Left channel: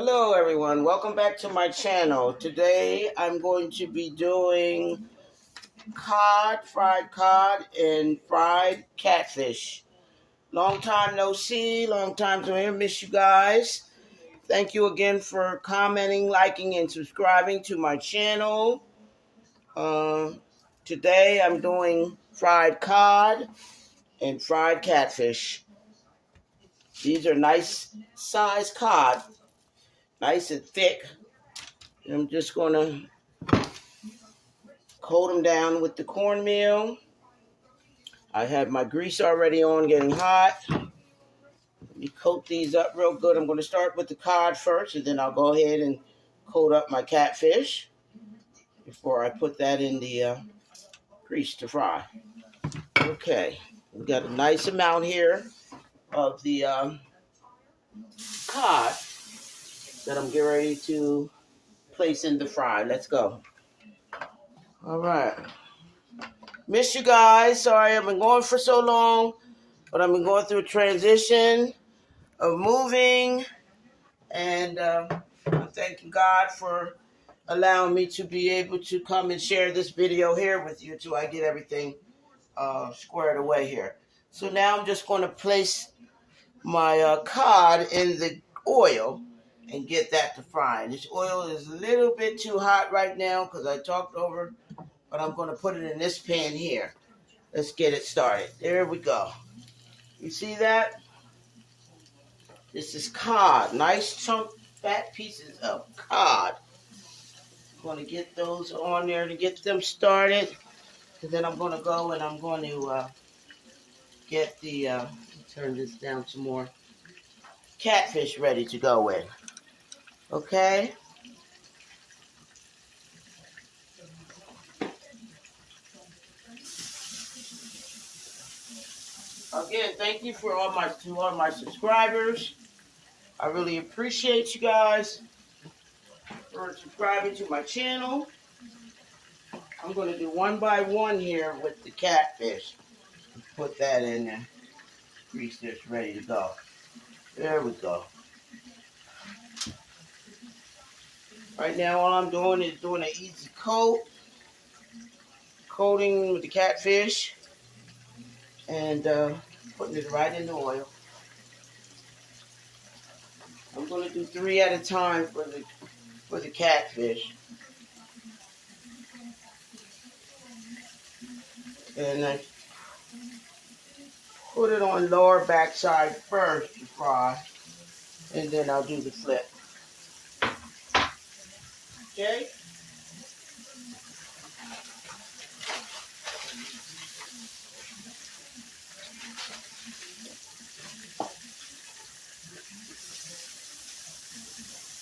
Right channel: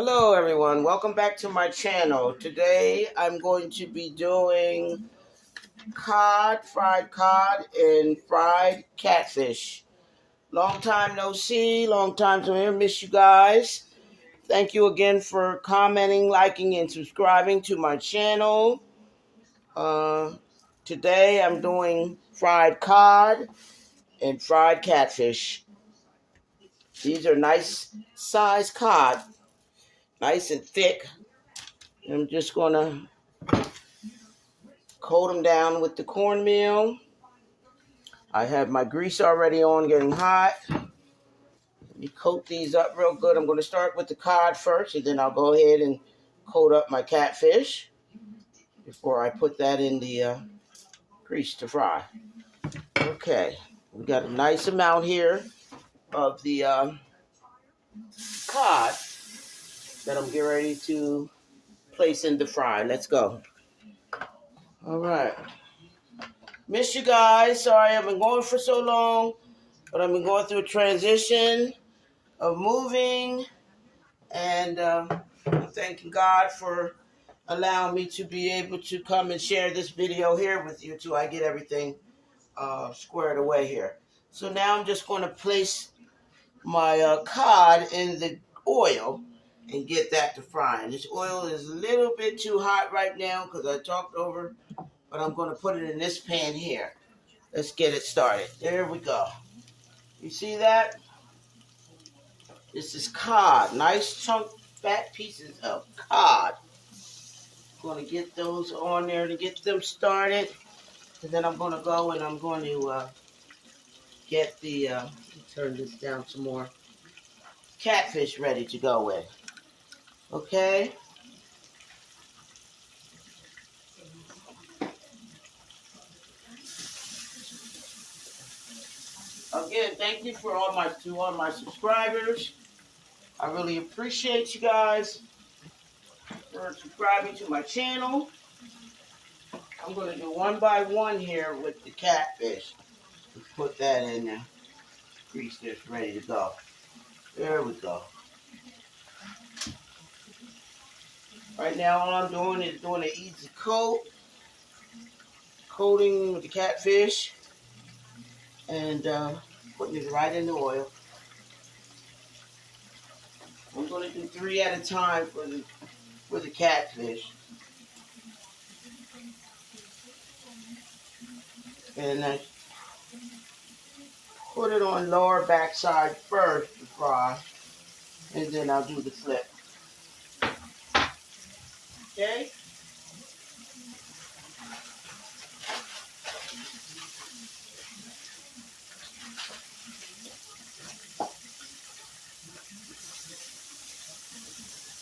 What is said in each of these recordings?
Hello everyone, welcome back to my channel. Today I'm going to be doing fried cod and fried catfish. Long time no see, long time to hear, miss you guys. Thank you again for commenting, liking, and subscribing to my channel. Today I'm doing fried cod and fried catfish. These are nice size cod, nice and thick. I'm just going to coat them down with the cornmeal. I have my grease already on, getting hot. Let me coat these up real good. I'm going to start with the cod first, and then I'll go ahead and coat up my catfish before I put that in the grease to fry. Okay, we got a nice amount here of the cod that I'm getting ready to place in the fry. Let's go. All right. Miss you guys. Sorry I've been going for so long, but I've been going through a transition of moving, and I'm thanking God for allowing me to be able to come and share this video here with you till I get everything squared away here. So now I'm just going to place my cod in the oil and get that to fry. And this oil is a little bit too hot right now because I talked over, but I'm going to put it in this pan here. Let's get it started. There we go. You see that? This is cod. Nice chunk, fat pieces of cod. I'm going to get those on there to get them started. And then I'm going to go and I'm going to get the, turn this down some more, catfish ready to go in. Okay? Again, thank you for all my subscribers. I really appreciate you guys for subscribing to my channel. I'm going to do one by one here with the catfish. Put that in there. Grease this, ready to go. There we go. Right now, all I'm doing is doing an easy coating with the catfish, and putting it right in the oil. I'm going to do 3 at a time for the catfish. And I put it on lower backside first to fry, and then I'll do the flip. Okay?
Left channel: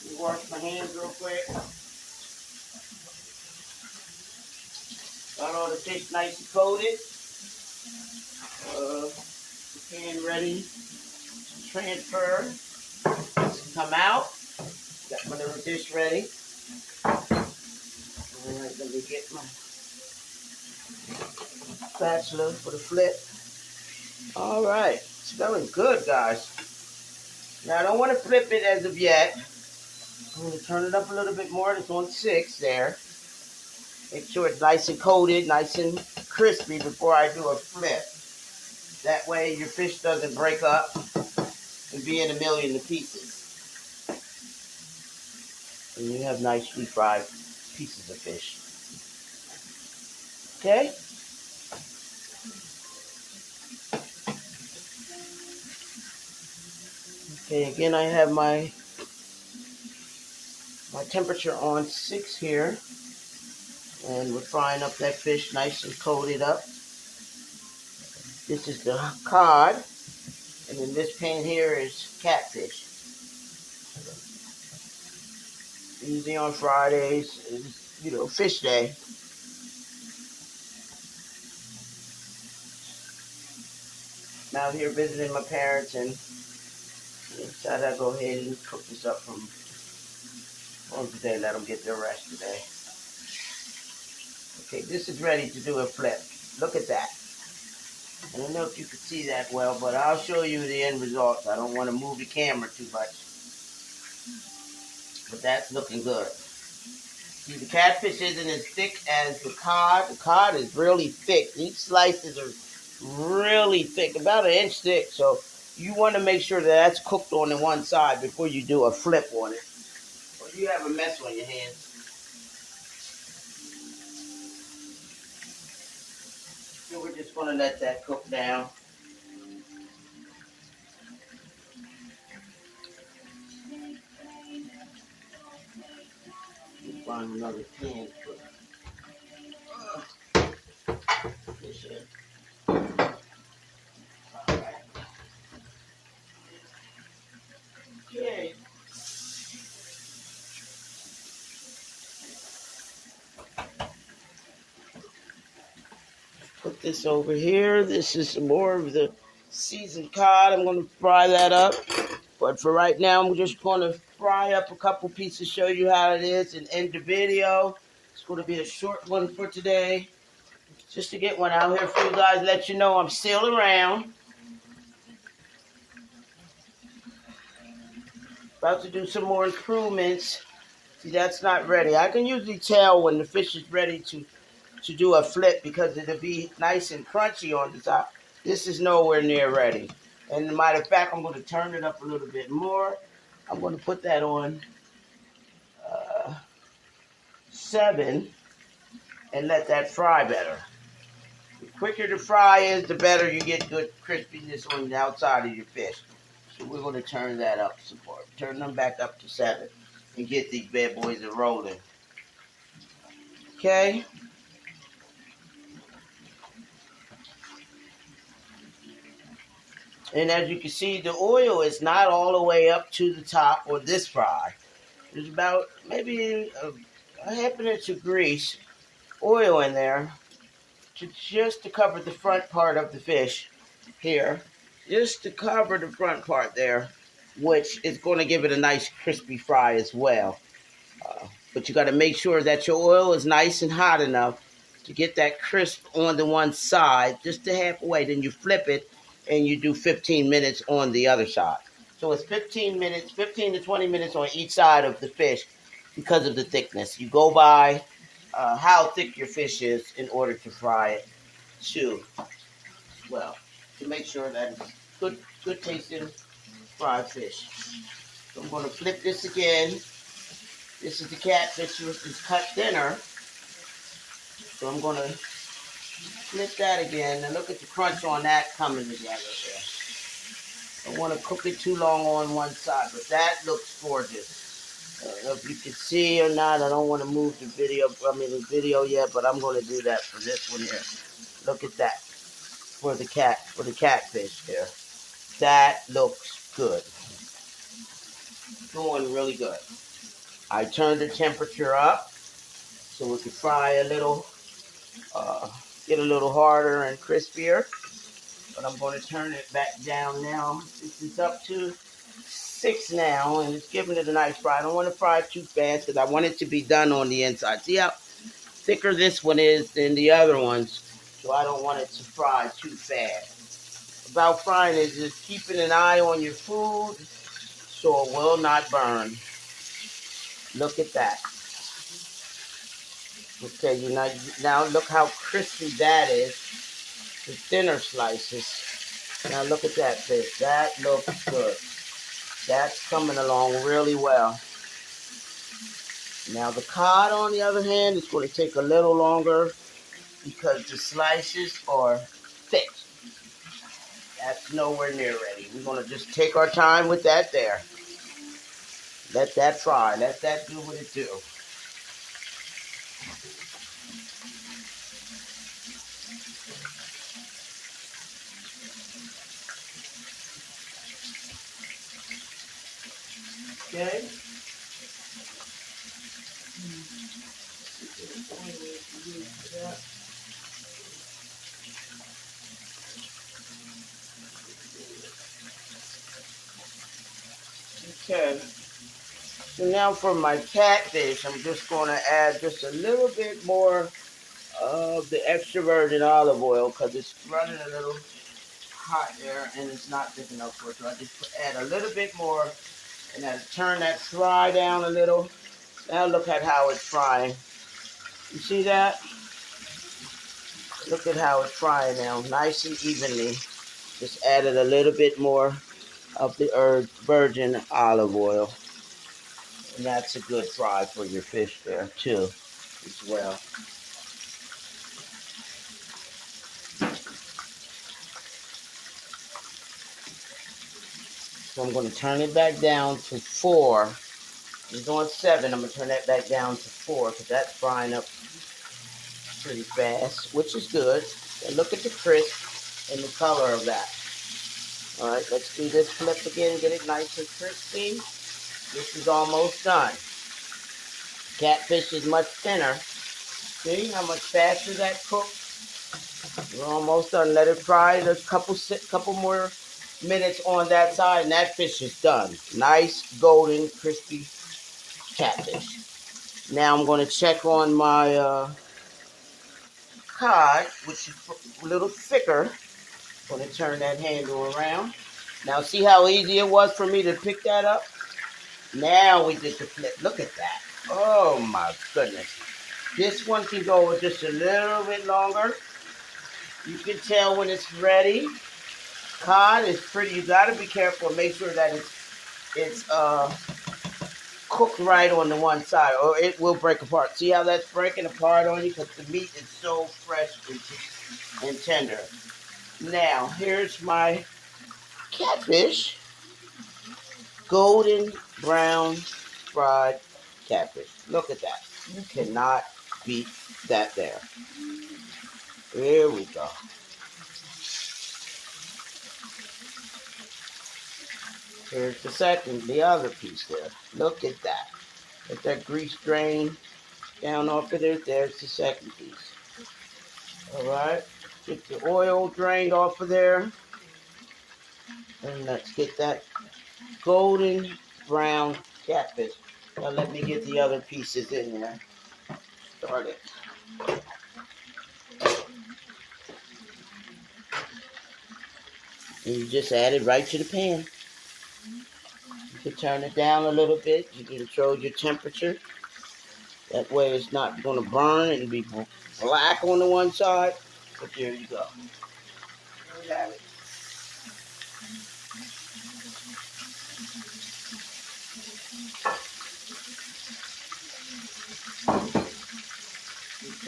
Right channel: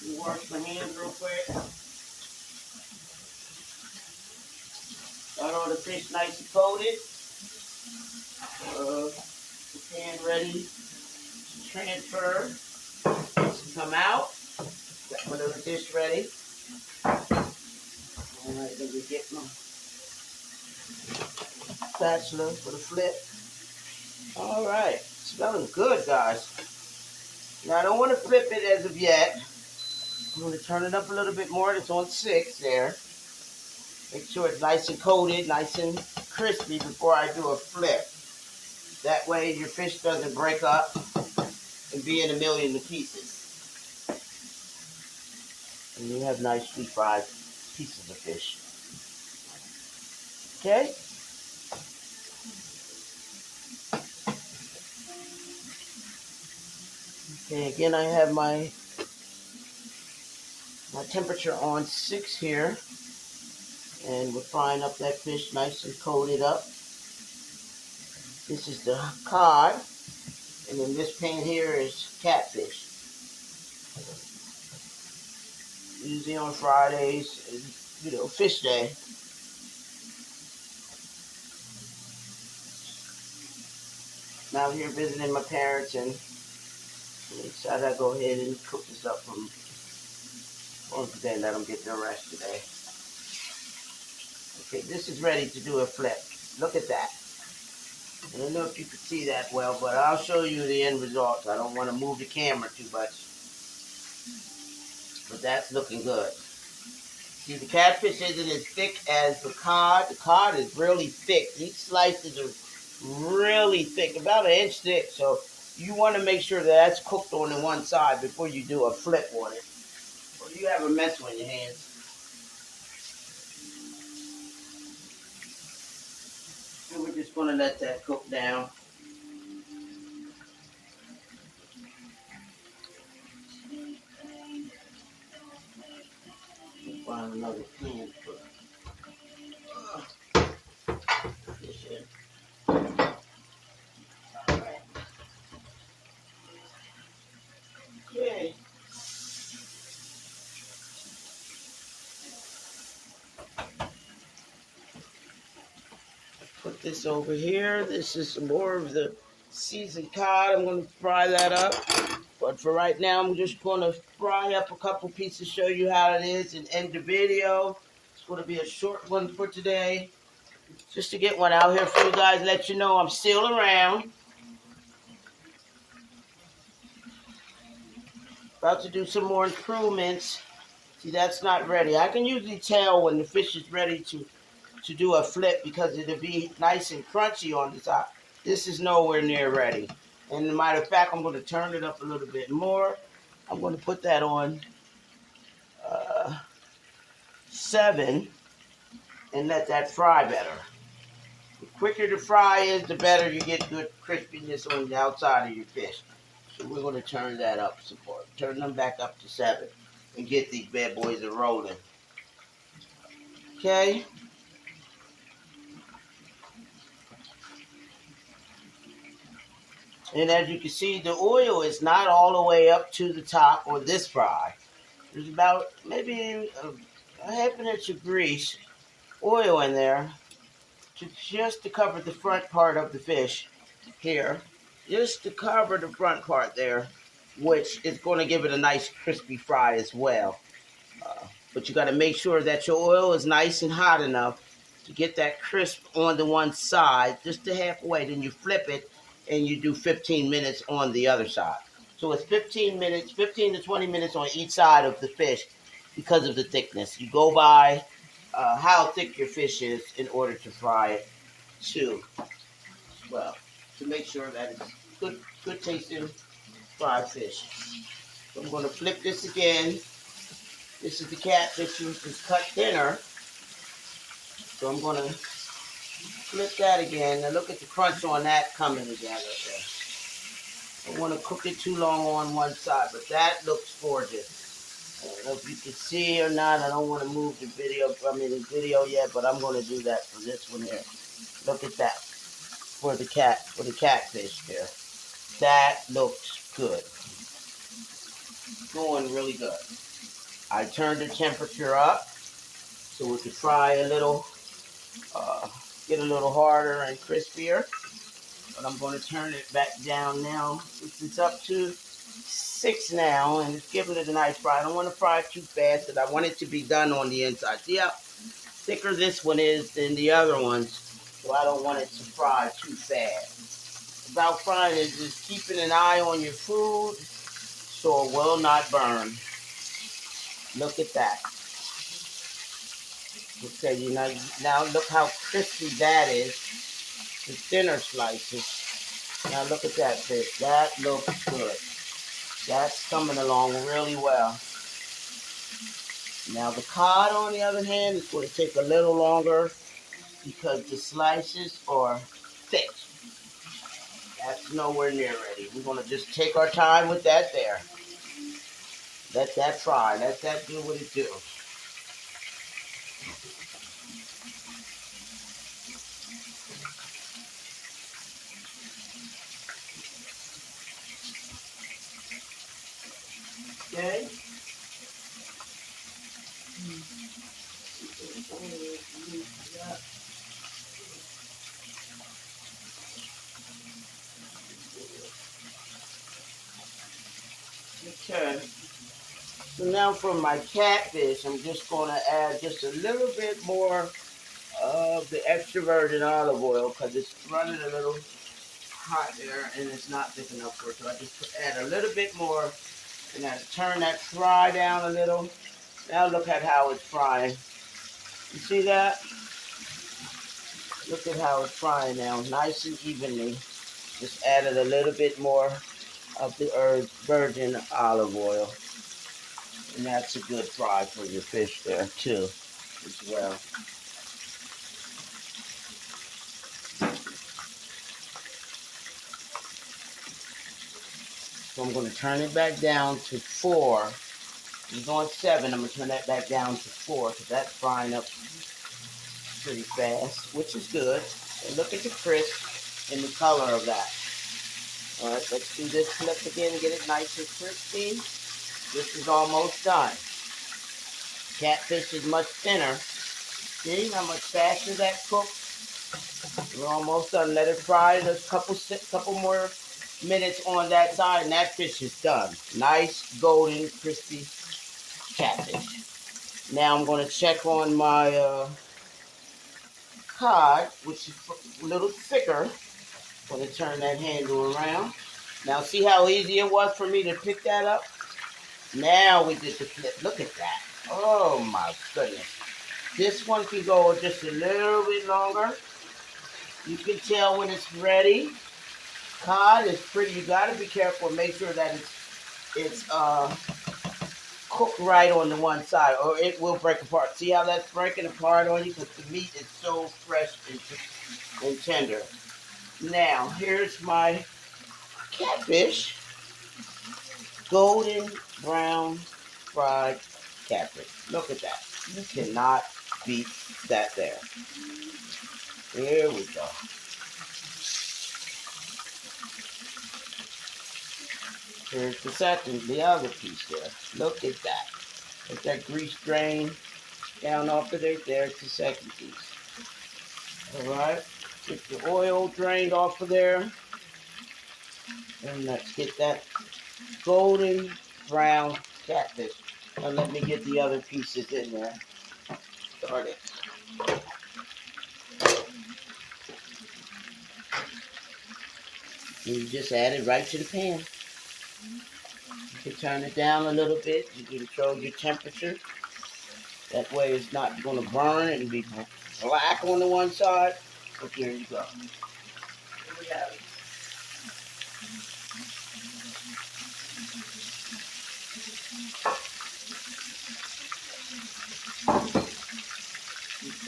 Let me wash my hands real quick. Got all the fish nice and coated. The pan ready to transfer. Come out. Got my little dish ready. Alright, let me get my spatula for the flip. Alright, smelling good, guys. Now I don't want to flip it as of yet. I'm going to turn it up a little bit more. It's on 6 there. Make sure it's nice and coated, nice and crispy before I do a flip. That way your fish doesn't break up and be in a million pieces. And you have nicely fried pieces of fish. Okay? Okay, again I have my temperature on 6 here. And we're frying up that fish nice and coated up. This is the cod. And then this pan here is catfish. Usually on Fridays, fish day. I'm out here visiting my parents, and I decided I'd go ahead and cook this up on today. Let them get their rest today. Okay, this is ready to do a flip. Look at that. I don't know if you can see that well, but I'll show you the end result. I don't want to move the camera too much. But that's looking good. See, the catfish isn't as thick as the cod. The cod is really thick. These slices are really thick, about an inch thick. So you want to make sure that that's cooked on the one side before you do a flip on it. Or you have a mess on your hands. So we're just going to let that cook down. Find another pan to put fish in. All right. Okay. Put this over here. This is some more of the seasoned cod. I'm going to fry that up. But for right now, I'm just going to fry up a couple pieces, show you how it is, and end the video. It's going to be a short one for today. Just to get one out here for you guys, let you know I'm still around. About to do some more improvements. See, that's not ready. I can usually tell when the fish is ready to do a flip because it'll be nice and crunchy on the top. This is nowhere near ready. And as a matter of fact, I'm going to turn it up a little bit more. I'm going to put that on 7 and let that fry better. The quicker the fry is, the better you get good crispiness on the outside of your fish. So we're going to turn that up some more. Turn them back up to 7 and get these bad boys a rolling. Okay? And as you can see, the oil is not all the way up to the top on this fry. There's about maybe a half an inch of grease, oil in there, just to cover the front part of the fish here. Just to cover the front part there, which is going to give it a nice crispy fry as well. But you got to make sure that your oil is nice and hot enough to get that crisp on the one side, just to halfway. Then you flip it and you do 15 minutes on the other side. So it's 15 minutes, 15 to 20 minutes on each side of the fish because of the thickness. You go by how thick your fish is in order to fry it too. Well, to make sure that it's good tasting fried fish. So I'm going to flip this again. This is the catfish, which is cut thinner. So I'm going to flip that again. Now look at the crunch on that coming together there. I don't want to cook it too long on one side, but that looks gorgeous. I don't know if you can see or not. I don't want to move the video yet, but I'm going to do that for this one here. Look at that for the catfish there. That looks good. Going really good. I turned the temperature up so we could fry a little, get a little harder and crispier. But I'm going to turn it back down now. It's up to 6 now, and it's giving it a nice fry. I don't want to fry it too fast because I want it to be done on the inside. See how thicker this one is than the other ones, so I don't want it to fry too fast. About frying is just keeping an eye on your food so it will not burn. Look at that. Okay, now look how crispy that is. The thinner slices. Now look at that fish. That looks good. That's coming along really well. Now the cod, on the other hand, is going to take a little longer because the slices are thick. That's nowhere near ready. We're going to just take our time with that there. Let that fry. Let that do what it do. Okay. Okay. So now for my catfish, I'm just going to add just a little bit more of the extra virgin olive oil because it's running a little hot there and it's not thick enough for it. So I just add a little bit more And then turn that fry down a little. Now look at how it's frying. You see that? Look at how it's frying now, nice and evenly. Just added a little bit more of the virgin olive oil. And that's a good fry for your fish there too, as well. So I'm going to turn it back down to 4. I'm going 7. I'm going to turn that back down to 4 because that's frying up pretty fast, which is good. And look at the crisp and the color of that. All right, let's do this flip again, get it nice and crispy. This is almost done. Catfish is much thinner. See how much faster that cooks? We're almost done. Let it fry a couple more minutes on that side, and that fish is done. Nice, golden, crispy catfish. Now I'm going to check on my cod, which is a little thicker. I'm going to turn that handle around. Now see how easy it was for me to pick that up? Now we get the flip. Look at that. Oh my goodness. This one can go just a little bit longer. You can tell when it's ready. Cod is pretty. You got to be careful. Make sure that it's cooked right on the one side, or it will break apart. See how that's breaking apart on you? Because the meat is so fresh and tender. Now, here's my catfish. Golden brown fried catfish. Look at that. You cannot beat that there. Here we go. Here's the other piece there. Look at that. Let that grease drain down off of there. There's the second piece. All right. Get the oil drained off of there. And let's get that golden brown catfish. Now let me get the other pieces in there. Start it. And you just add it right to the pan. You can turn it down a little bit. You can control your temperature. That way it's not going to burn and be black on the one side. But there you go. There we have it.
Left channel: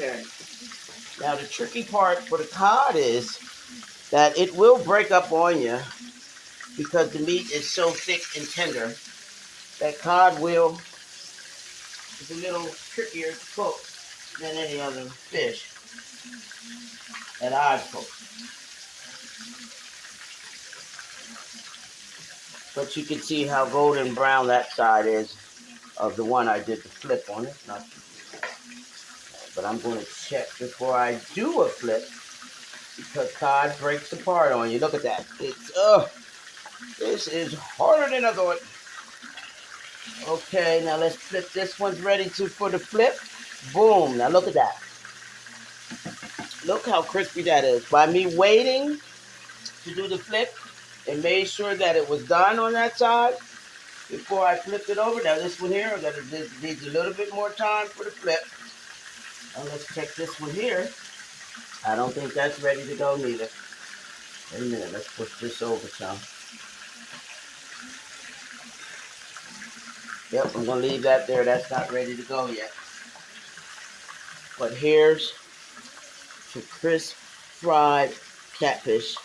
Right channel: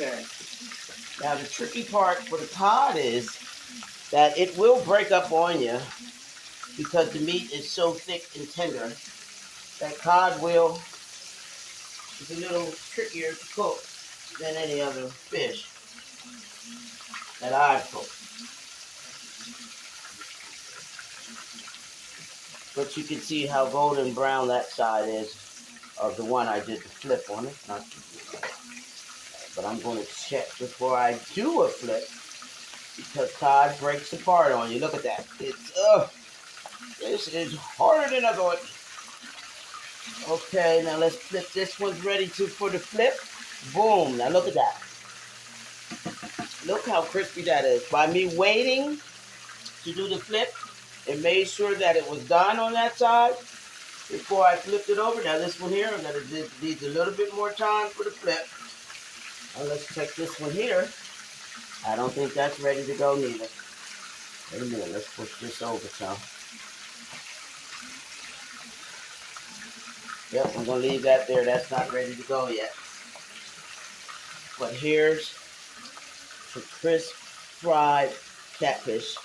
Okay. Now the tricky part for the cod is that it will break up on you because the meat is so thick and tender. That cod is a little trickier to cook than any other fish that I've cooked. But you can see how golden brown that side is of the one I did the flip on it. But I'm going to check before I do a flip because cod breaks apart on you. Look at that. This is harder than I thought. Okay, now let's flip. This one's ready for the flip. Boom. Now look at that. Look how crispy that is. By me waiting to do the flip and made sure that it was done on that side before I flipped it over. Now this one here, needs a little bit more time for the flip. And let's check this one here. I don't think that's ready to go neither. Wait a minute, let's push this over some. Yep, I'm going to leave that there. That's not ready to go yet. But here's some crisp fried catfish.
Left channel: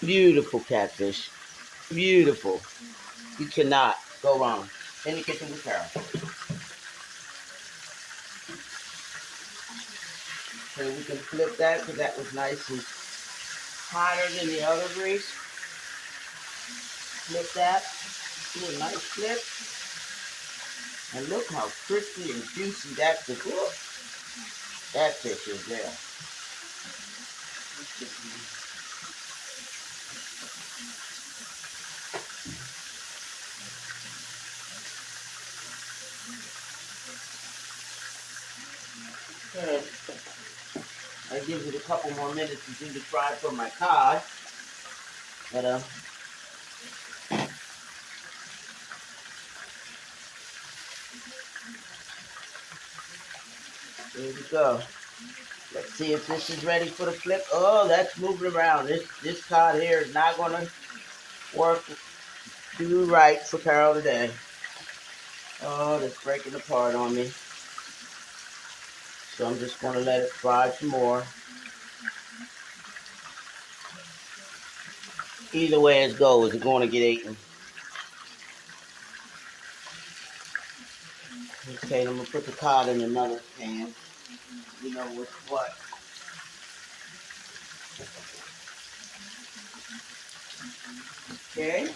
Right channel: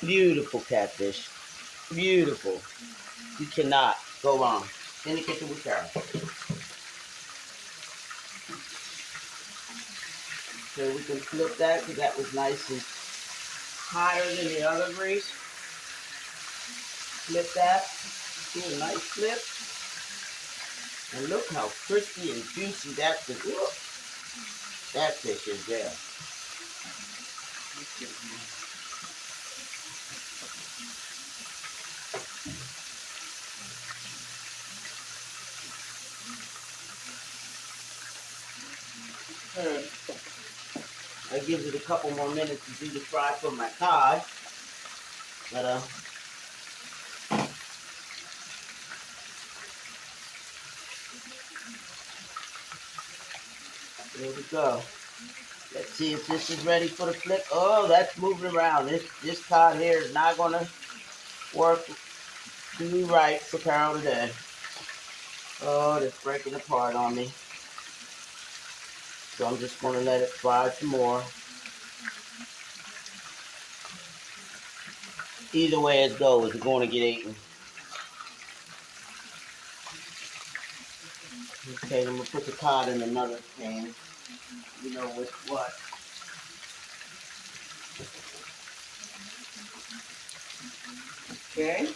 Beautiful catfish. Beautiful. You cannot go wrong. In the kitchen with Carol. So we can flip that because that was nice and higher than the other grease. Flip that. See a nice flip. And look how crispy and juicy that fish is. That fish is there. I give it a couple more minutes to do the fry for my cod. But There we go. Let's see if this is ready for the flip. Oh, that's moving around. This cod here is not gonna work too right for Carol today. Oh, it's breaking apart on me. So I'm just gonna let it fry some more. Either way it goes, it's gonna get eaten. Okay, I'm gonna put the cod in another pan. You know with what? Okay.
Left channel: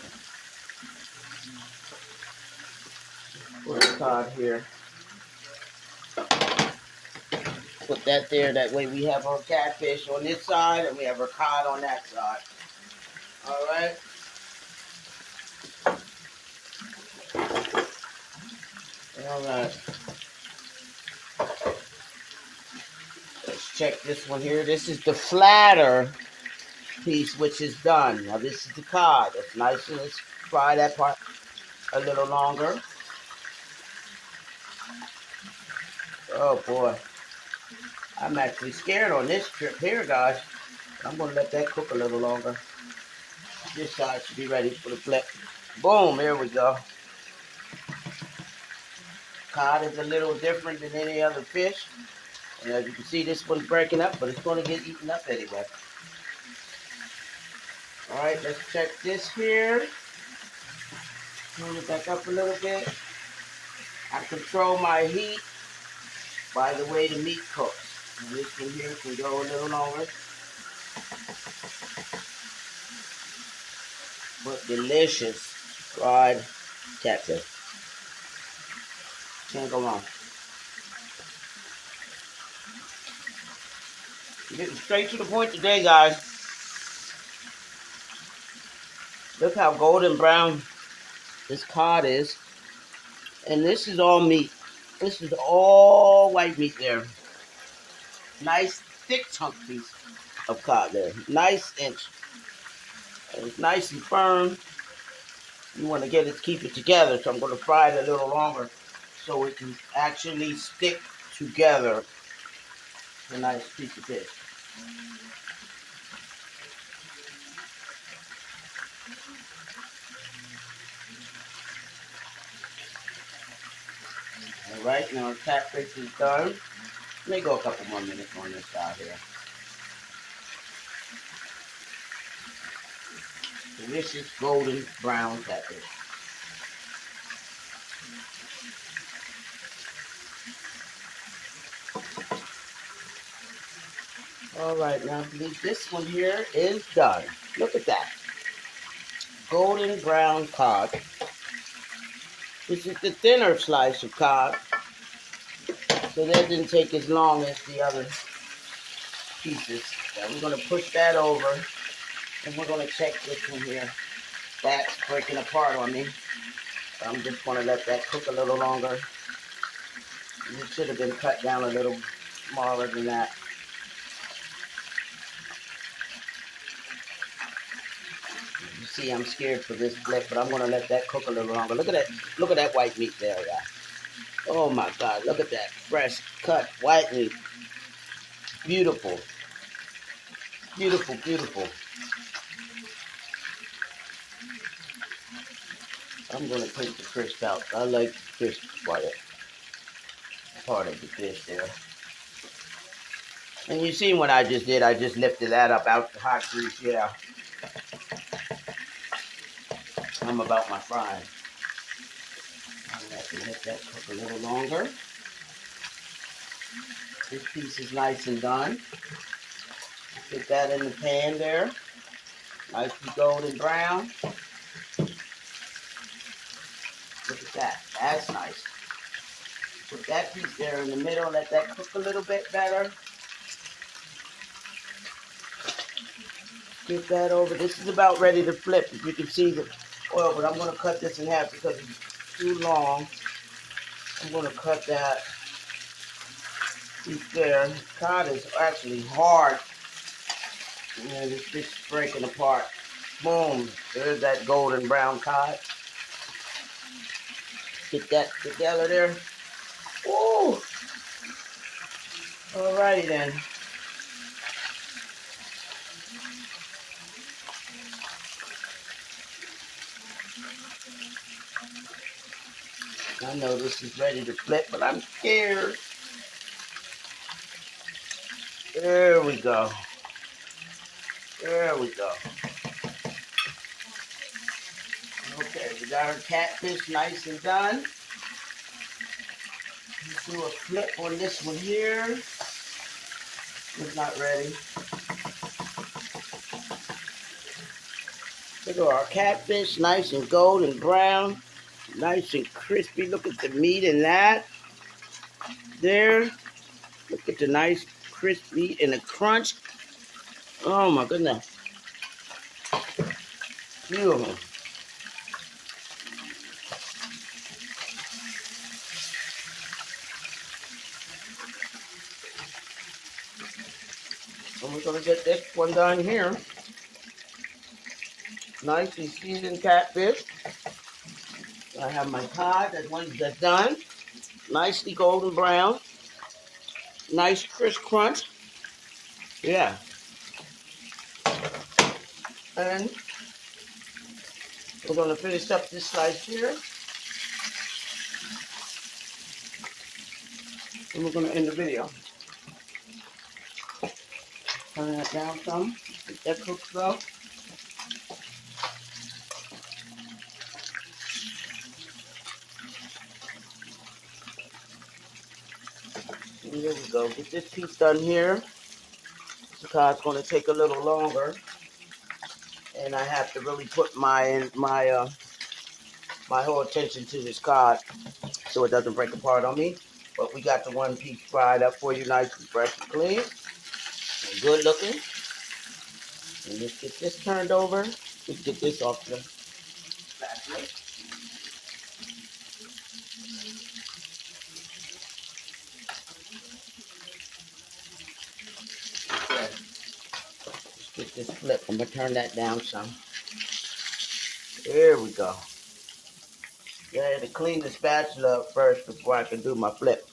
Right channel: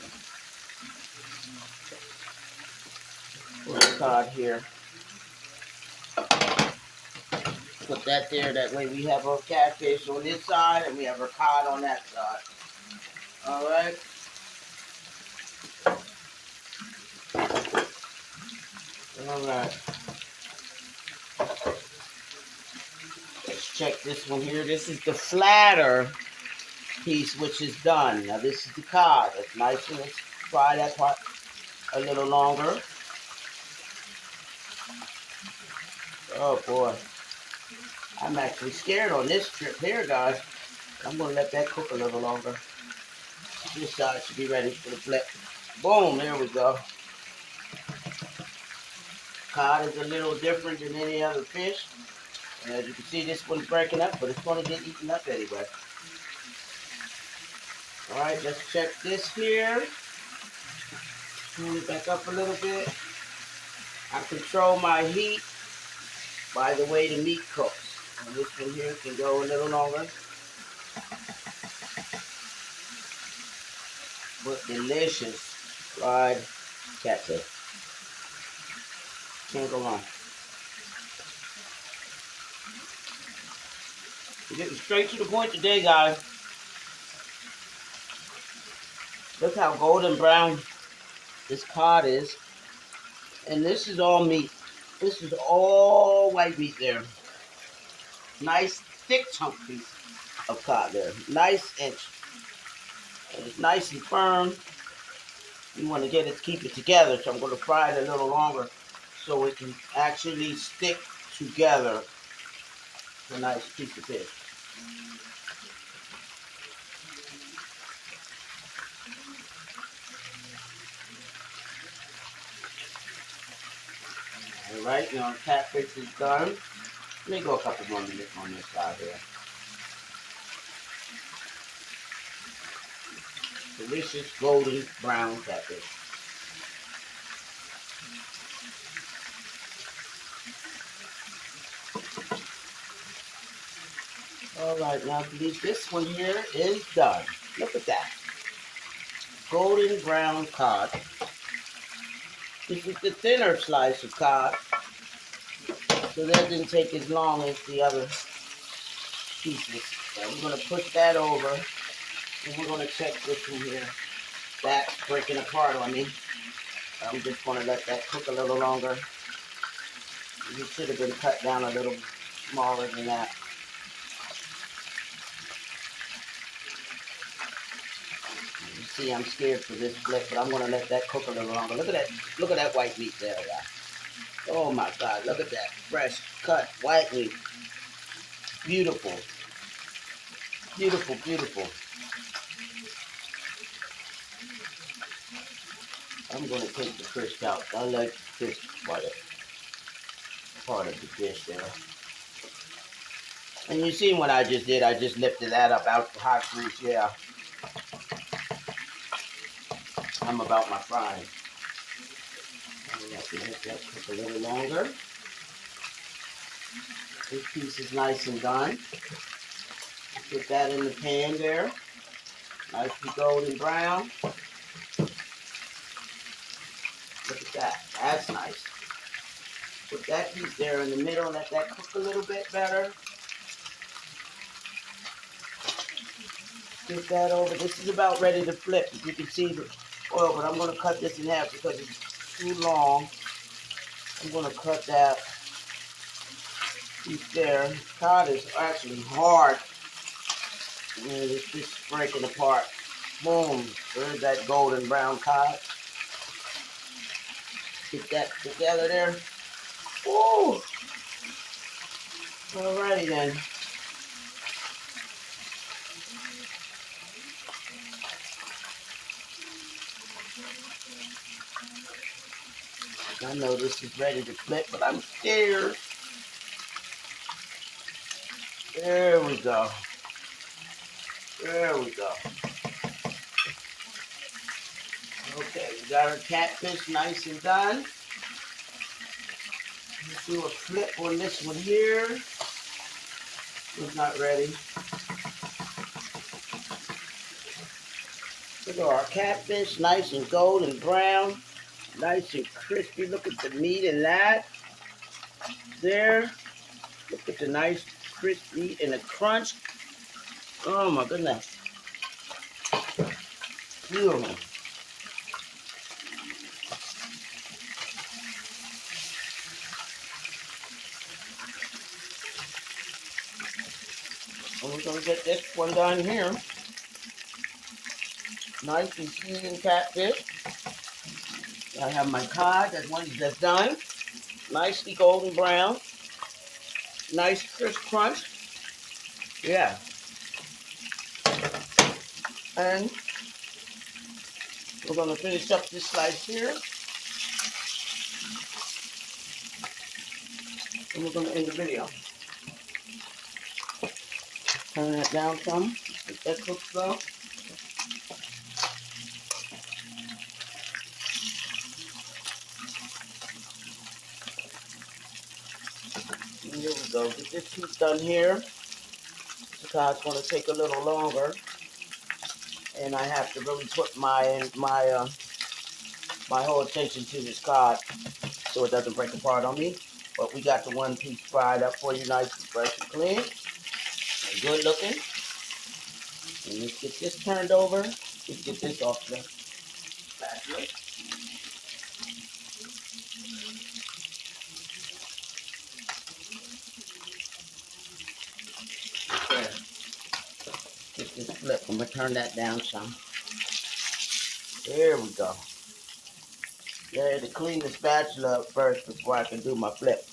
Put the cod here. Put that there. That way we have our catfish on this side and we have our cod on that side. All right. All right. Let's check this one here. This is the flatter piece, which is done. Now this is the cod. That's nice, and let's fry that part a little longer. Oh boy, I'm actually scared on this trip here, guys. I'm gonna let that cook a little longer. This side should be ready for the flip. Boom, there we go. Cod is a little different than any other fish. And as you can see, this one's breaking up, but it's gonna get eaten up anyway. All right, let's check this here. Turn it back up a little bit. I control my heat by the way the meat cooks. And this one here can go a little longer. But delicious fried catfish. Can't go wrong. We're getting straight to the point today, guys. Look how golden brown this cod is. And this is all meat. This is all white meat there. Nice thick chunk piece of cod there. Nice inch. And it's nice and firm. You want to get it, keep it together. So I'm going to fry it a little longer so it can actually stick together. It's a nice piece of fish. All right, now our catfish is done. Let me go a couple more minutes on this side here. Delicious golden brown catfish. All right, now this one here is done. Look at that. Golden brown cod. This is the thinner slice of cod. So that didn't take as long as the other pieces. So we're going to push that over. And we're going to check this one here. That's breaking apart on me. So I'm just going to let that cook a little longer. It should have been cut down a little smaller than that. You see, I'm scared for this flip, but I'm going to let that cook a little longer. Look at that. Look at that white meat there, guys. Oh my God, look at that. Fresh cut white meat. Beautiful. Beautiful, beautiful. I'm going to take the crisp out. I like the crisp part of the fish there. And you see what I just did? I just lifted that up out the hot grease. Yeah. I'm about my frying. I'm going to let that cook a little longer. This piece is nice and done. Put that in the pan there. Nice and golden brown. Look at that. That's nice. Put that piece there in the middle. Let that cook a little bit better. Get that over. This is about ready to flip. As you can see the oil, but I'm going to cut this in half because it's too long. I'm going to cut that piece there. Cod is actually hard. And it's just breaking apart. Boom. There's that golden brown cod. Get that together there. Ooh. Alrighty then. I know this is ready to flip, but I'm scared. There we go. There we go. Okay, we got our catfish nice and done. Let's do a flip on this one here. It's not ready. Look at our catfish, nice and golden brown. Nice and crispy. Look at the meat in that. There. Look at the nice crisp meat and the crunch. Oh my goodness. Beautiful. And we're going to get this one done here. Nice and seasoned catfish. I have my cod, that's done. Nicely golden brown. Nice crisp crunch. Yeah. And we're going to finish up this slice here. And we're going to end the video. Turn that down some. Let that cook slow. And here we go. Get this piece done here. The cod's going to take a little longer. And I have to really put my whole attention to this cod so it doesn't break apart on me. But we got the one piece fried up for you, nice and fresh and clean. And good looking. And let's get this turned over. Let's get this off the spatula. Okay. Let's get this flip. I'm going to turn that down some. There we go. Yeah, I had to clean the spatula up first before I can do my flip.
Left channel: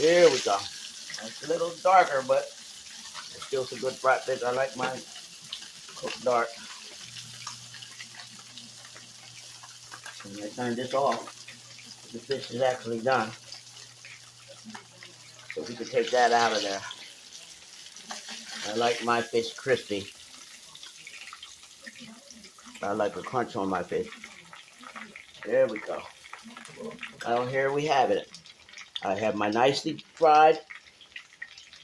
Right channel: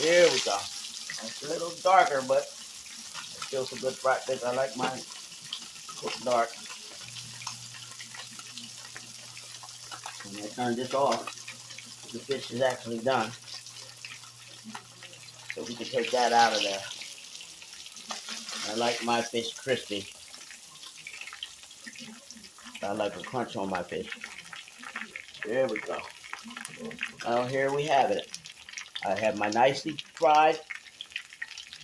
There we go. It's a little darker, but it's still some good fried fish. I like mine cooked dark. And I turn this off. The fish is actually done. So we can take that out of there. I like my fish crispy. I like a crunch on my fish. There we go. Well, here we have it. I have my nicely fried,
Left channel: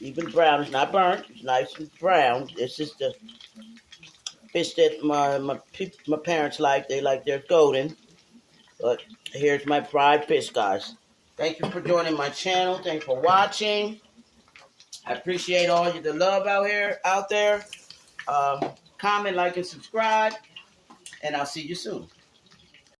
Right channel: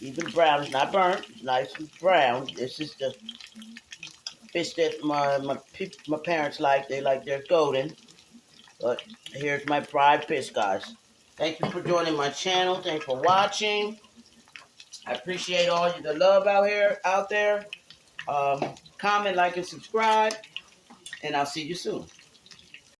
even brown. It's not burnt. It's nice and brown. This is the fish that my parents like. They like their golden. But here's my fried fish, guys. Thank you for joining my channel. Thanks for watching. I appreciate all the love out there. Comment, like, and subscribe. And I'll see you soon.